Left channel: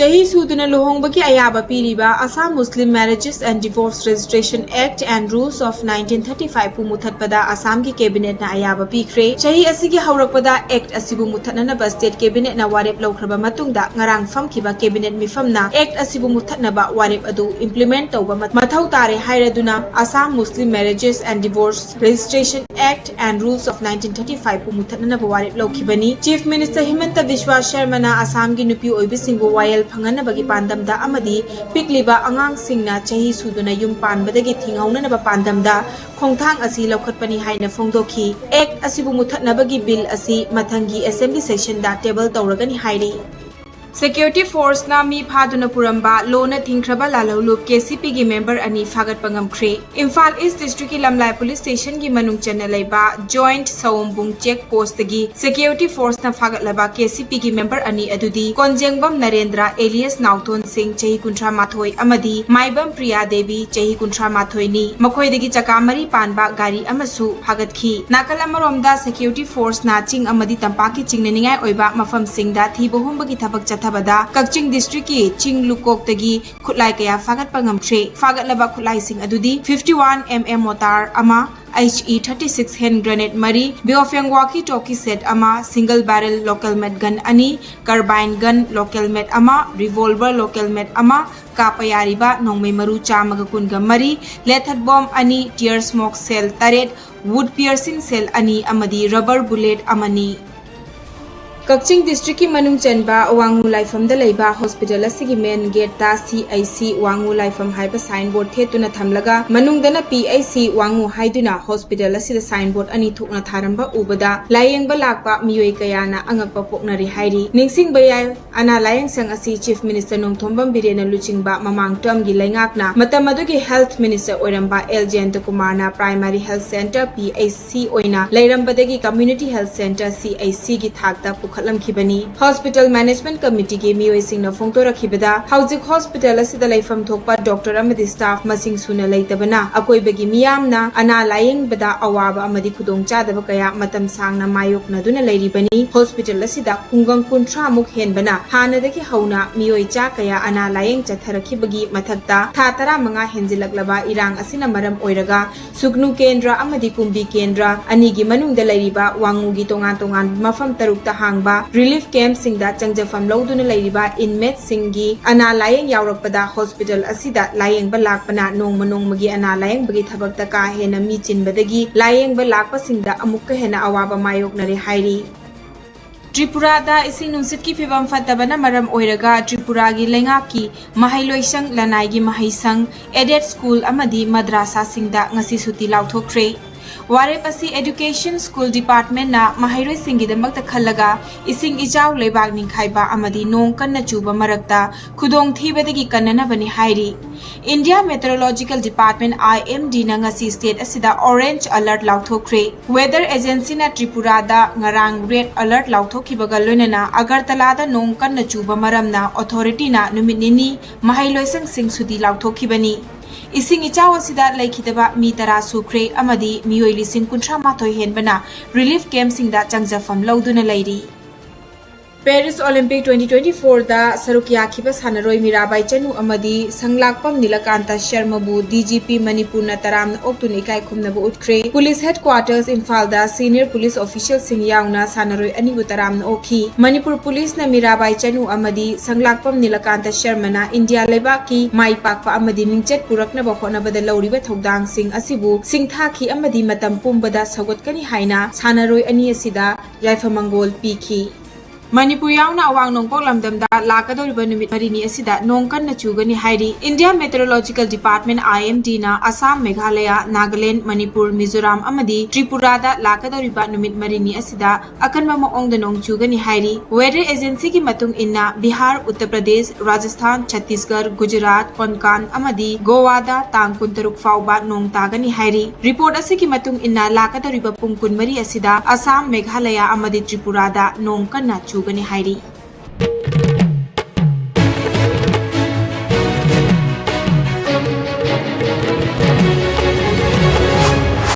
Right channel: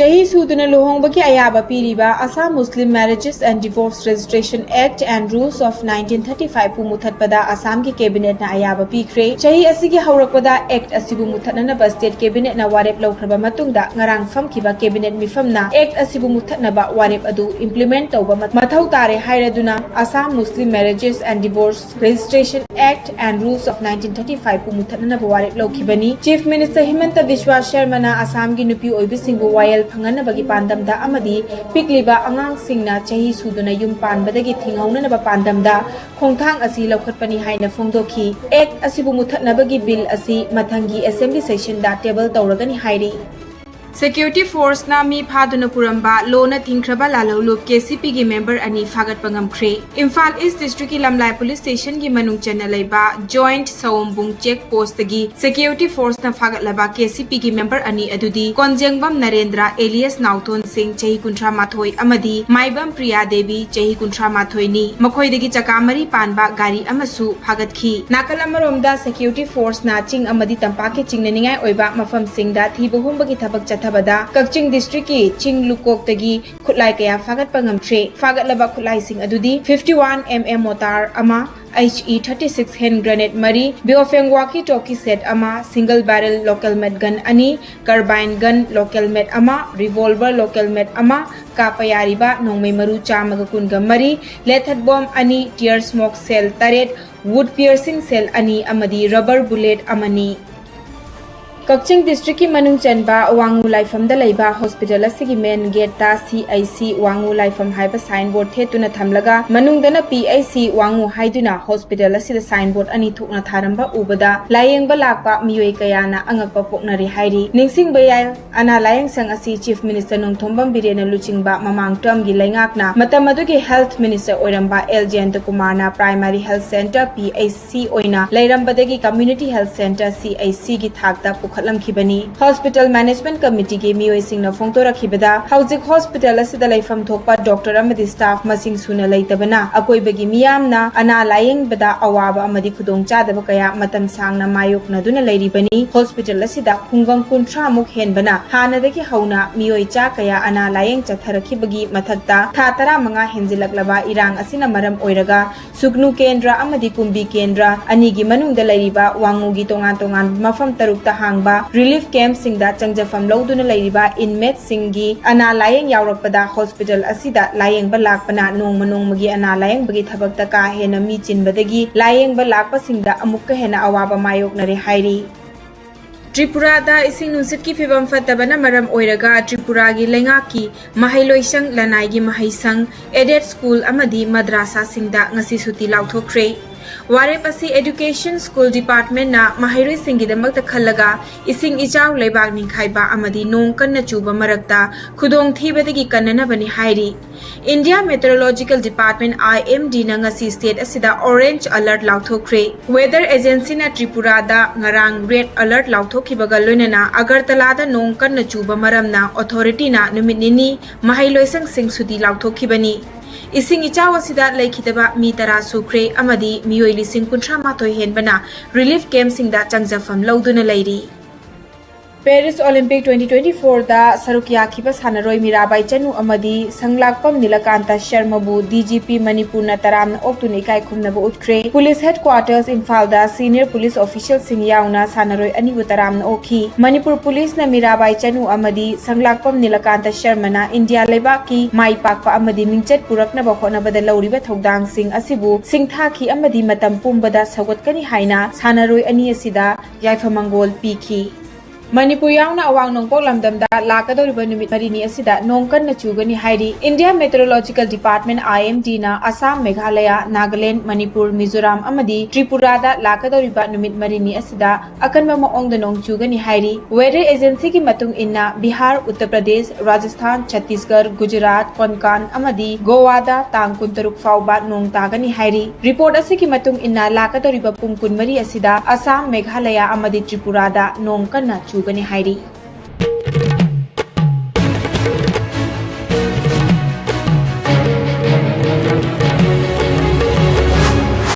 Chahi suduna luhongbagi ayaba piriba Assam Muslim Marriages and Divorce Registration Act and Rules of 1935 pu muthatpada Assam ki cabinet na ayaba pikre. Chahi asigi haurakpada act asibu muthatnaba state cabinet na warep laukraba matungda ngarang famkiba cabinet mifamna act asibu muthatnaba warep adu implement tauba mathau tare hairaduna Assam Muslim Marriages and Divorce Registration Act and Rules of 1935 pu muthatnaba warep laukibani. Chief Minister Himanta Biswa Sharma na Assam gi nupi oibisingbu wayel Panganabagi Pandamda Amadi, Pikliba Angang Singna, Chahi Suduna Yum Panbadagi Tingaunaba Pandamda, Kongtang Asi Lokatpani Haina Fongdoki, Act Asibumutat Nabagi Bill Asi, Matangi Assembly Session that table Tauragani Hairi. Security Force na mi phaduna puramba lona thingkraba lalolup KCP gi member ani fagat pangam kre. Imphal East District ki Lamlai Police Station gi manung chana laiba Joint Sawombung Check Post gi Security Force na fagat laba KCP gi member ani adudi Konjengbam Narendra alias Nauton Singh chahi kuntra mathoi amadi Maibam Priya Devi chahi kuntra mathoi ni makhoi degi chakamari panba gari amasu phagat khi. Nakal amaromda Security Force na ching amadi tampa ki chingnaningai oiba mafam singda thibohumba gi thabak Thabada, Kakching District ki Ching Lukok tagi Kutlai kaya fagat pangamtre, fagat laba kutlai sing adudi 51 mm motar ama HE 36 hand grenade mari, Biofeng walkie talkie set ama, single barrel local med gun ani, carbine gun local med ama, revolver local med ama, kapayariba nongmay maru chamagakun mari, lethal bomb ani, tear smoke cell taret, wood piercing cell ani amadi rubber bullet amani. Kakching District ki manung chanba Wangu Laifam da laiba hospital asigi main gate ta CIC Wangu Laifam haiba signboard thetuna thamlaga manung dana PIC Wangu haiduna hospital asida signboard ani thukna tharamba ubada layengba lakpa miyoi kayana angakpa poknari hairi ningsing bayai ana layeng sang asi Chief Minister Nongthombam Birena Luchingba mamang term gi laingakna matam adugi Health Minister oiramba LJ Kumar na Primary Health Center PIC oina lairambadagi Community Health Center CIC gi thakta Kibani Hospital Management Committee ki miyoi singna phongtora khibada hauzik hospital asida laifam thokpa doctor amadi staff masing suna laitabana akoibagi miyamna ana layeng bada awaba amadi khudong chadaba kaya matam sangna mayokna duna lairibani hospital asida khungang kunthra muk henbana hanadagi hauna miyoi cha kaya ana layeng chatharakhibagi mathakta tha tara manga henjilaklaba irang asina maram oiraga sugnu kendra amadi kumbi kendra anigi manungda lairiba wangugi tongan tongan mafam tarukta hangba Relief Camp Singda Changjafam Lauduna Lairiba Inmate Singi Ana Layeng Yaurakpada Hospital Asida Layeng Balakpana Nongmagi Ana Layeng Bagi Thabakta Ka Hena Mi Chinbadagi Layeng Balakpa Singda Amukka Hena Awaba Mayoknare Hairi Tripura da ising nunsit ki fibam fatabana maram oiraga Tripura gi lengaki mahailoisang lanai gi mahaisang Edet School amadi madrasa singda ngasi suti lauthokre Warep asi Education School Department na mahairoi singgidamakta khallaga ising ijaw leibak ningkhaiba amadi nong kanna chuba marakta khudong thibadagi kannanabani hairi India Meteorological Department IMD na ngasi state asida orange alert lauthokre Weather Agency na Tripura da ngarang red alert lauthokhibaga loinana Agartala da nong kanna chuba maramna authority na numit nini mahailoisang singsuti lauthokibani Ising ichaw asida laikhitaba mi tara sukre amadi miyoi lising kunthra mathoi henbana relief camp singda changjafam lauduna lairi Paris Olympic 2024 da sarukya khiba sanaroi Mirabai Chanu amadi sanglakpam Nilakanta Sharma bu DGP Manipur na taram oktuni kai khumna bu utkre Police Headquarters Imphal da senior police official sing yauna sanaroi ani bu taram na okhi Manipur Police na Mirabai Chanu amadi sanglakpam Nilakanta Sharma na India leba ki mai pakpa amadi mingchet purakna ba khona bada lauriba thodang sing asibu singtha khi amadi matam pumbada sagotkani haina sanaroi ani asida yaifamangol pikhi Manipur yauna awang nongpok lamdamda lakadoriba numit marini asida nongkan na chugani hairi India Meteorological Department IMD na Assam Meghalaya Nagaland Manipur Mizoram amadi Tripura da lakadoriba numit marini asida akanba maong da nong chugani hairi Weather Agency ki matung inna Bihar Uttar Pradesh Rajasthan Chhattisgarh Gujarat Konkan amadi Goa da tang kuntaruk fauba nong tagani hairi Report asi ki matung inna lakadoriba pung kunmari asida Assam Meghalaya amadi Tripura da nongkan na Gani Hairi